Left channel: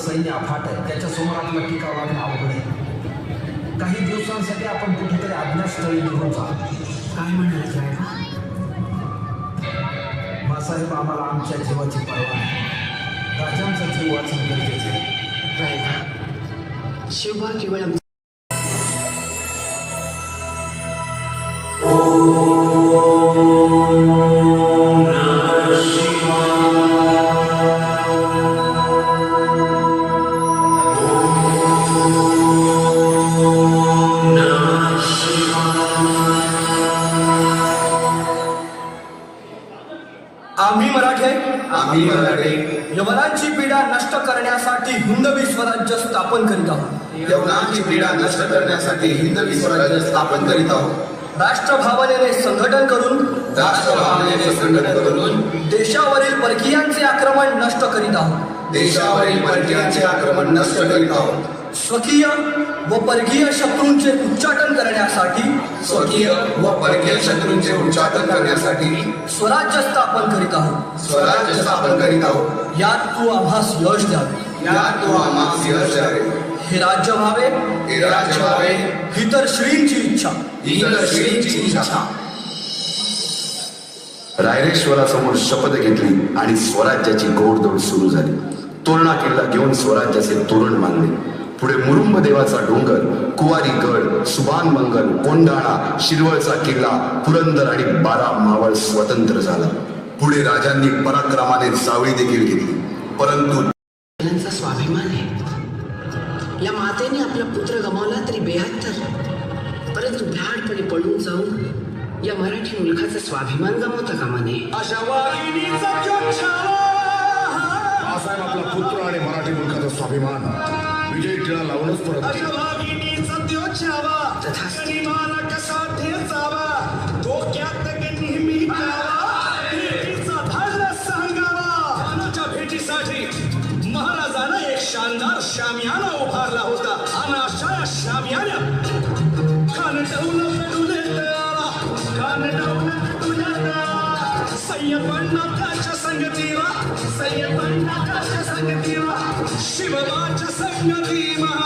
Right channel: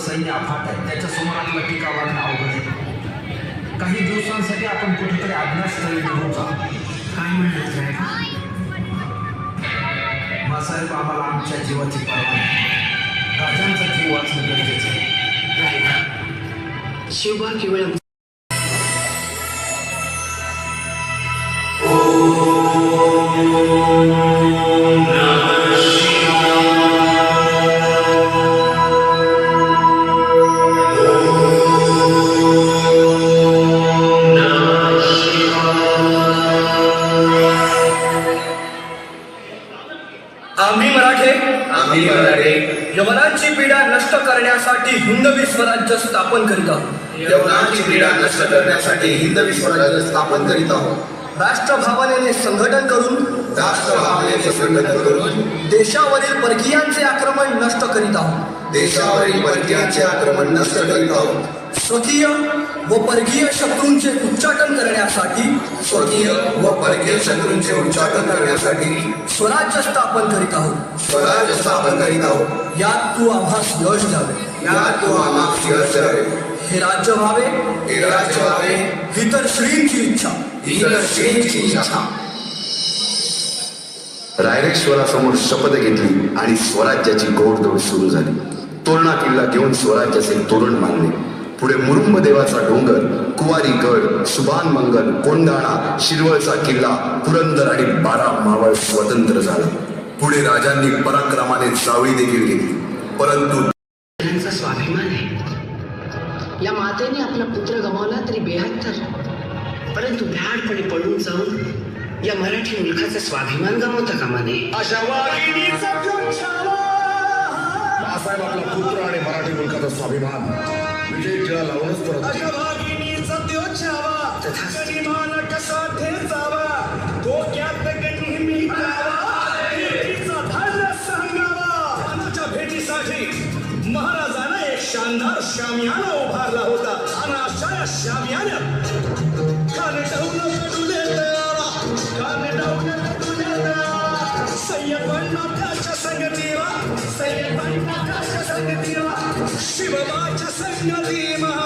सैन्य अफाट आहे, त्याच्यासमोर आपला टीका वागणं अवघड आहे. काही दिवसांसाठी आपण कुठेतरी अज्ञातस्थळी निघून जाऊ. काय म्हणत आहे मासाहेब, आम्हाला आमच्या जीवाची पर्वा नाही. राजांचा जीव वाचणं गरजेचे आहे. शिवबा केवळ यवनांची पीडा नष्ट करण्यासाठी हिंदवी स्वराज्य स्थापन करीत आहोत. यवनांची पीडा नष्ट करण्यासाठी हिंदवी स्वराज्य स्थापन करीत आहोत. राष्ट्रभावनेने संघटन करून देशावरील परकीयांचे आक्रमण नष्ट करीत आहोत. देशावरील परकीयांचे आक्रमण नष्ट करीत आहोत. स्वकीय व परकीय शत्रूंचे उच्चाटन करण्यासाठी स्वराज्य स्थापन करीत आहोत. यात तू आम्हास यश द्यावे. हे राज्य व्हावे ही तर श्रींची इच्छा. रायरेश्वरासमोर शपथ घेतली आणि स्वराज्याची गोडदोड सुरू झाली. तोरणा किल्ला घेऊन स्वराज्याचे तोरण मारले. पुढे मुरुंब देवाचा डोंगर, कुवारी गड, सुभान मंगल, कोंडाणा, शिरवळचा किल्ला, पुरंदर आणि 12 मावळ स्वतंत्र झाला. पुढे राजांनी पराक्रमाने जावळी देखील घेतली. परंतु त्यांचा स्वाभिमान आहे. या मातेने आपला पुत्र गमावला तरी 72, परंतु भ्याडपणे पळून जाऊन या मराठी मुलखाचा स्वाभिमान गमावता कामा नये. बाळासाहेब आपला पुत्र आणि मराठी मुलखाचा स्वाभिमान विजय टिळा लावूनच तो महाराजांना एक शानदार शामियाना उभारला होता आणि अशा शामियाना संगतीला शिवराच्या संगतीला